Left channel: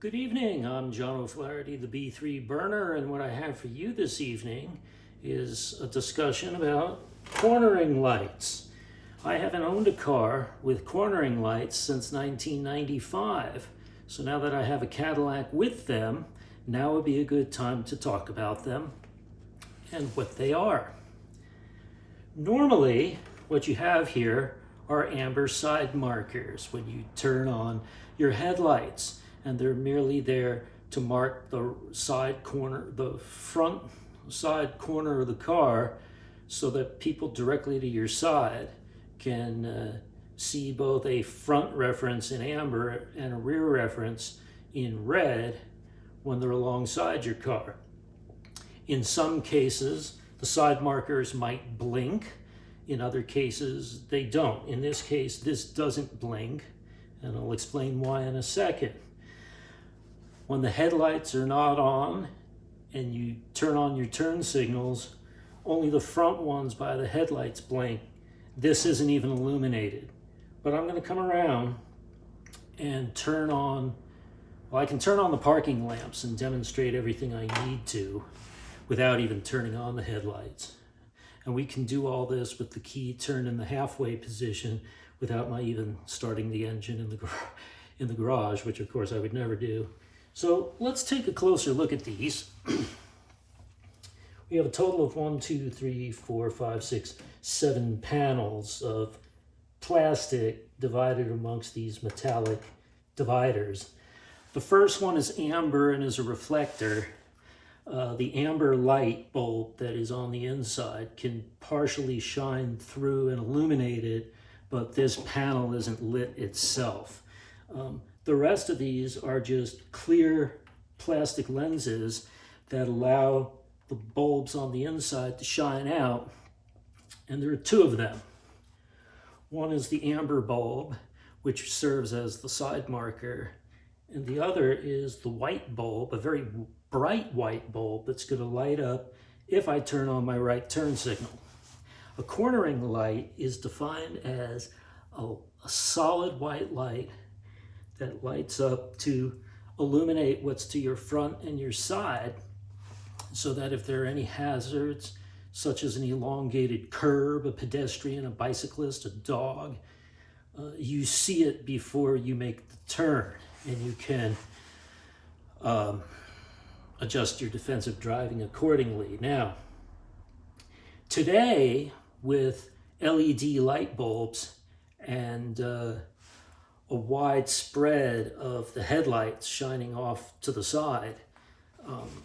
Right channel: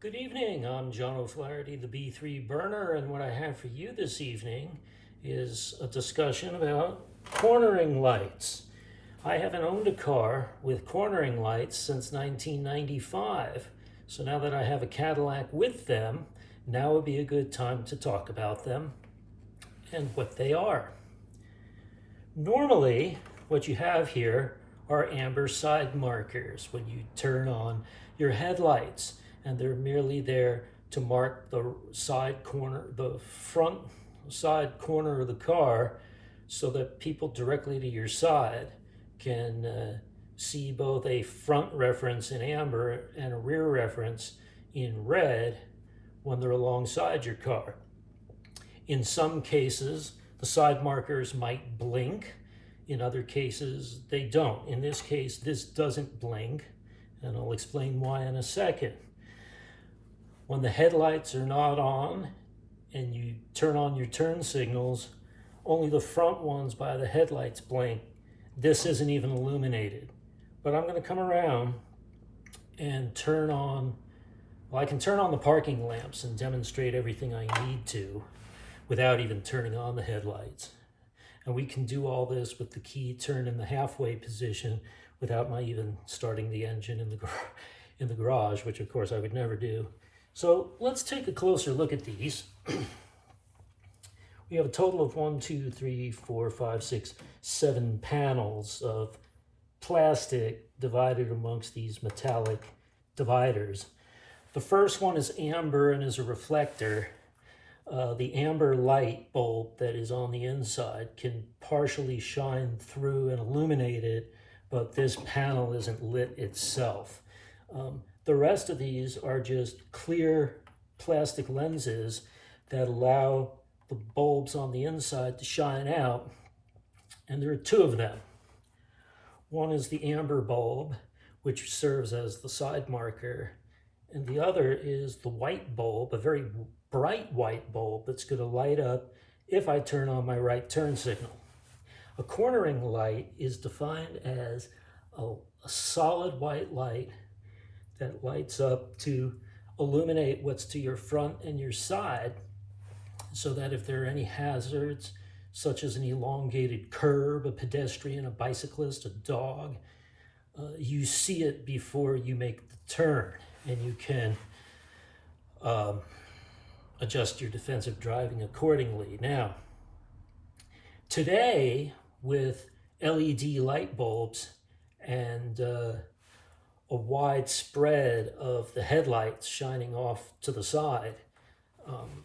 Good evening, I'm John O'Flaherty, the B3 burner, and what I have for you this evening is a discussion about cornering lights. I haven't owned a car with cornering lights since 1995, so now that I have a Cadillac with them, now would be a good time to talk about them and what they are. Normally, what you have here are amber side markers when you turn on your headlights, and they're merely there to mark the front side corner of the car so that people directly to your side can see both a front reference in amber and a rear reference in red when they're alongside your car. In some cases, the side markers might blink. In other cases, they don't. In this case, this doesn't blink, and I'll explain why in a second. When the headlights are not on and you turn on your turn signals, only the front ones by the headlights blink. This isn't even illuminated. But I'm going to come around and turn on, well, I can turn on the parking lamps and demonstrate everything I need to without even turning on the headlights. And we can do all this with the key turned in the halfway position without my even starting the engine in the garage, which of course I would never do. So let's take a closer look at these. We have a total of 7 panels of plastic divided amongst these metallic dividers. The first one is amber and is a reflector. The amber light bulb that is on the inside can partially shine through and illuminate it, but this panel isn't lit itself. The rest of these are just clear plastic lenses that allow the bulbs on the inside to shine out, and there are two of them. One is the amber bulb, which serves as the side marker, and the other is the white bulb, a very bright white bulb that's going to light up if I turn on my right turn signal. A cornering light is defined as a solid white light that lights up to illuminate what's to your front and your side, so that if there are any hazards, such as an elongated curb, a pedestrian, a bicyclist, a dog, you see it before you make the turn, and you can adjust your defensive driving accordingly. Now, today, with LED light bulbs and a wide spread of the headlights shining off to the side,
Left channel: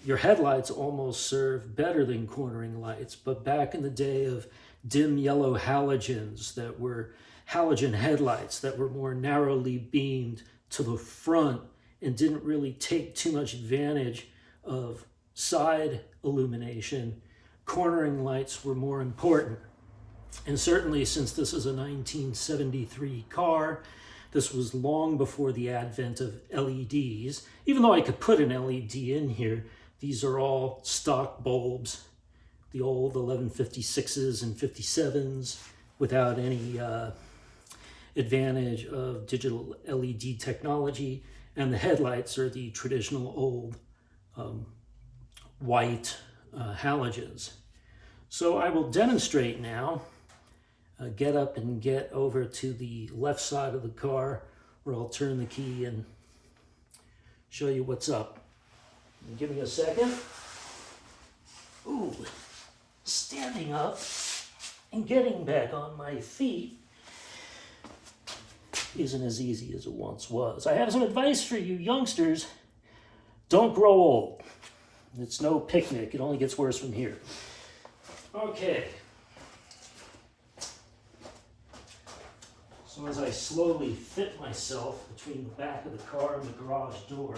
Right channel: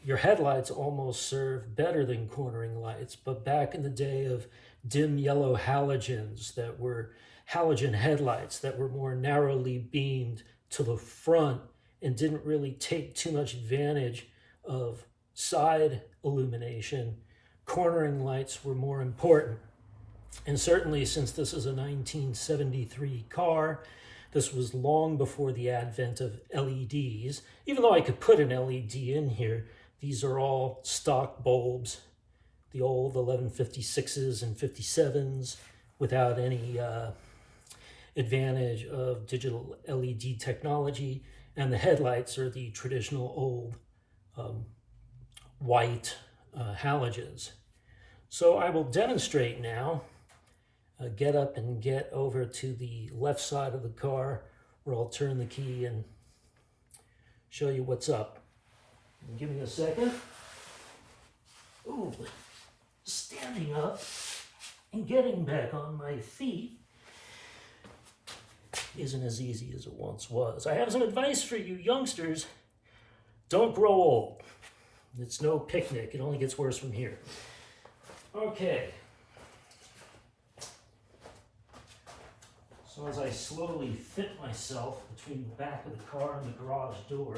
your headlights almost serve better than cornering lights. But back in the day of dim yellow halogens, that were halogen headlights that were more narrowly beamed to the front and didn't really take too much advantage of side illumination, cornering lights were more important. And certainly, since this is a 1973 car, this was long before the advent of LEDs. Even though I could put an LED in here, these are all stock bulbs, the old 1156s and 57s, without any advantage of digital LED technology. And the headlights are the traditional old white halogens. So I will demonstrate now. Get up and get over to the left side of the car, where I'll turn the key and show you what's up. Give me a second. Ooh, standing up and getting back on my feet isn't as easy as it once was. I have some advice for you youngsters. Don't grow old. It's no picnic. It only gets worse from here. Okay. So as I slowly fit myself between the back of the car and the garage door,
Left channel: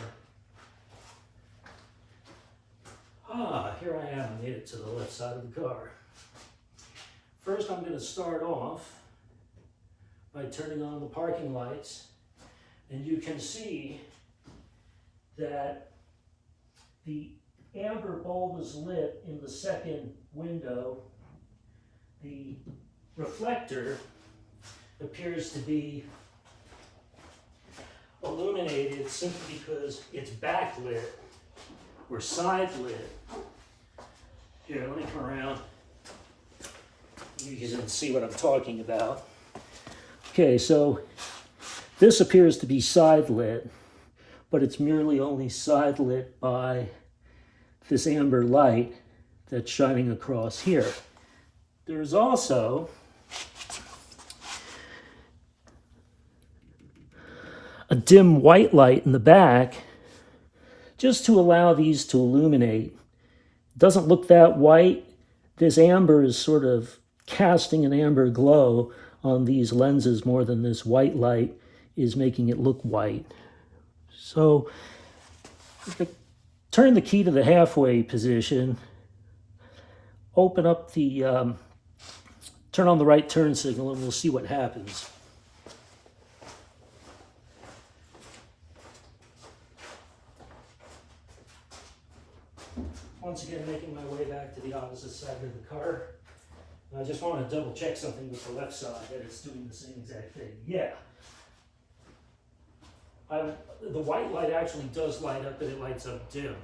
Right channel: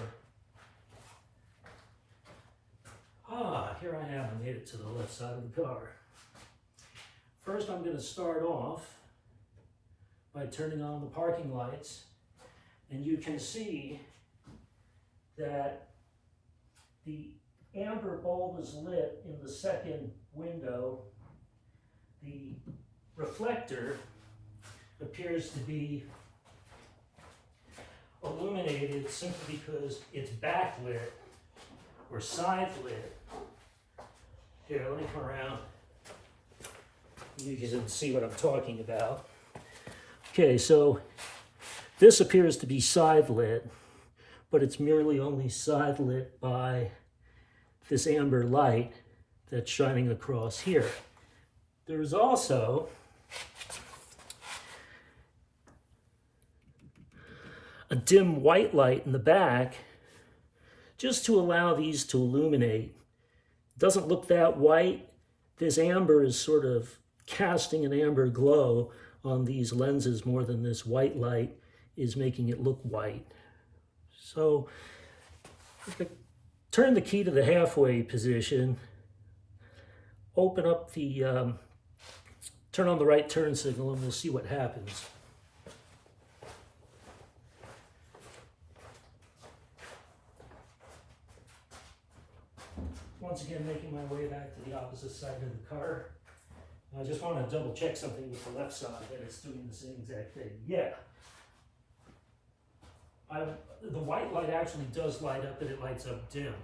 here I am. I made it to the left side of the car. First, I'm going to start off by turning on the parking lights, and you can see that the amber bulb is lit in the second window. The reflector appears to be illuminated simply because it's backlit or side lit. Here, let me come around. You can see what I'm talking about. Okay, so this appears to be side lit, but it's merely only side lit by this amber light that's shining across here. There's also a dim white light in the back just to allow these to illuminate. It doesn't look that white. This amber is sort of casting an amber glow on these lenses more than this white light is making it look white. So turn the key to the halfway position, open up the, turn on the right turn signal, and we'll see what happens. Once again, making my way back to the opposite side of the car. I just want to double check something with the left side, that it's doing the same exact thing. Yeah. The white light actually does light up, but it lights up dim.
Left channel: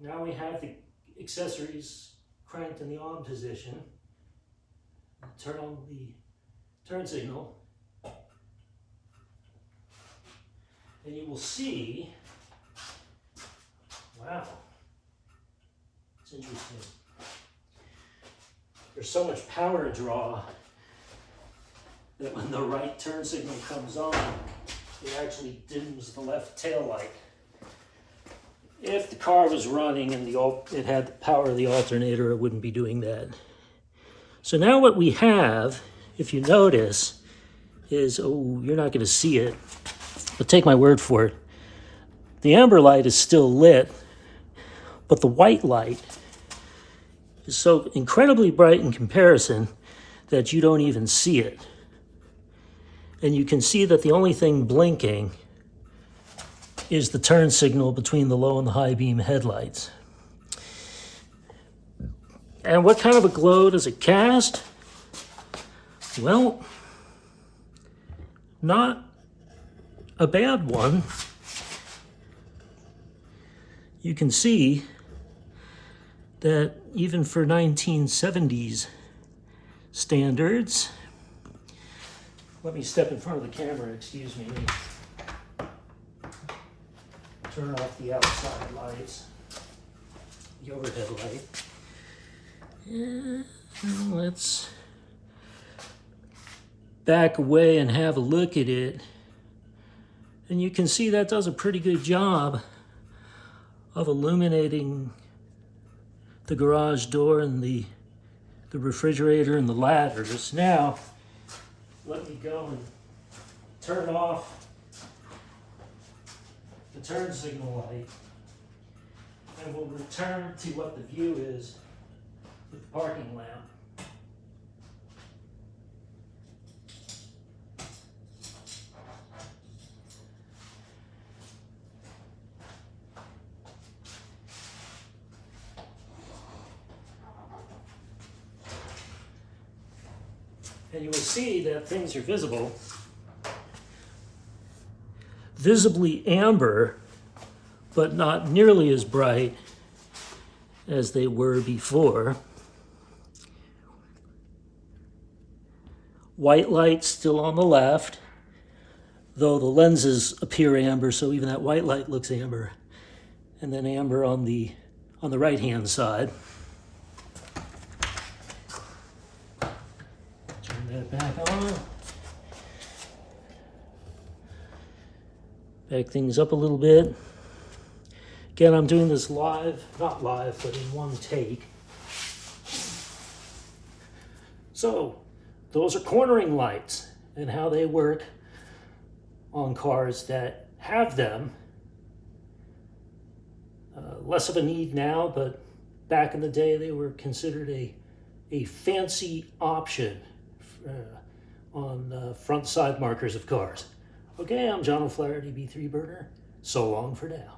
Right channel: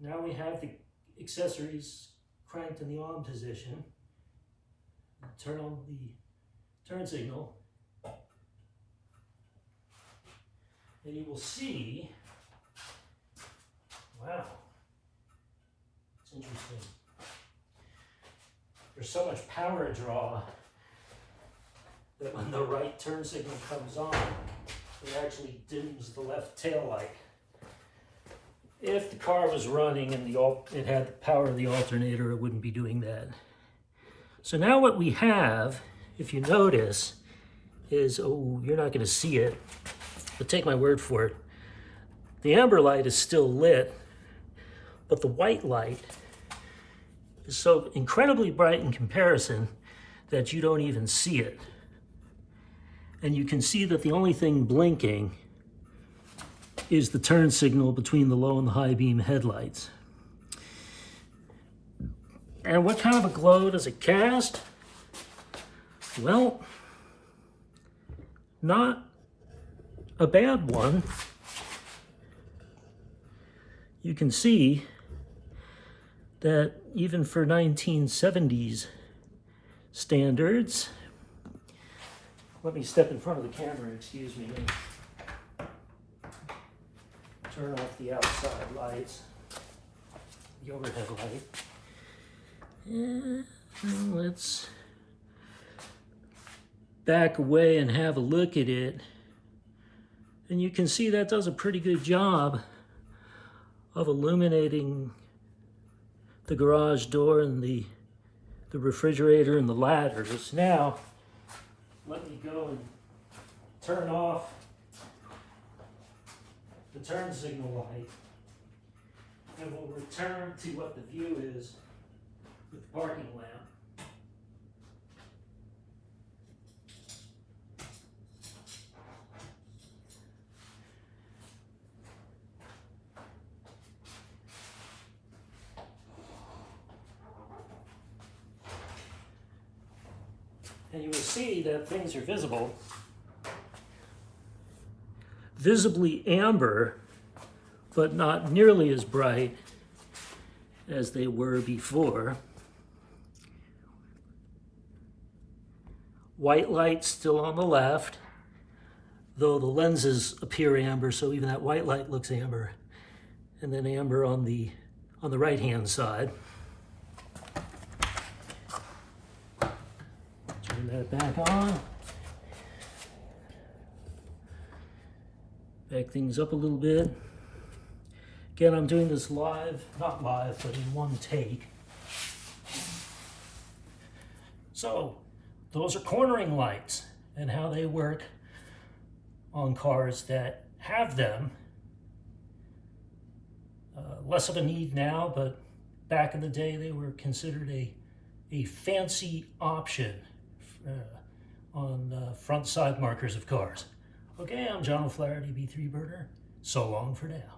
Now we have the accessories cranked in the on position. Turn on the turn signal. And you will see, wow, it's interesting. There's so much power draw that when the right turn signal comes on, it actually dims the left tail light. If the car was running and it had the power of the alternator, it wouldn't be doing that. So now what we have, if you notice, is, oh, you're not going to see it, but take my word for it. The amber light is still lit, but the white light is so incredibly bright in comparison that you don't even see it. And you can see that the only thing blinking is the turn signal between the low and the high beam headlights. And what kind of a glow does it cast? Well, not a bad one. You can see that even for 1970s standards, let me step in front of the camera, excuse me. Turn off the outside lights, the overhead light. And let's back away and have a look at it. And you can see that does a pretty good job of illuminating the garage door and the refrigerator and the ladders. Now, let me go and turn off the turn signal light, and we'll return to what the view is with the parking lamp. And you will see that things are visible. Visibly amber, but not nearly as bright as they were before. White light still on the left, though the lenses appear amber, so even that white light looks amber. And then amber on the right-hand side. That back on. Back things up a little bit. Again, I'm doing this live, not live, but in one take. So, those are cornering lights and how they work on cars that have them. Less of a need now, but back in the day they were considered a fancy option on front side markers of cars. Okay, I'm John O'Flaherty, B3 Burner. So long for now.